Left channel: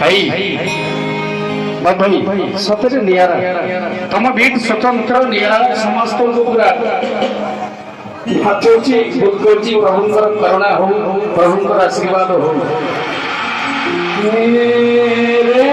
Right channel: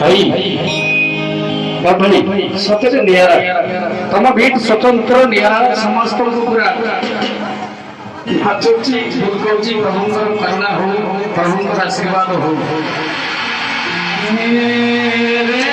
भाई सତରେ नियारा तम बीट स्वतंत्र नियारा समस्त को पूरा नाचुची बुलकोची प्रभुंकर करुणा हो प्रभुंकर आशीर्वाद हो मेरे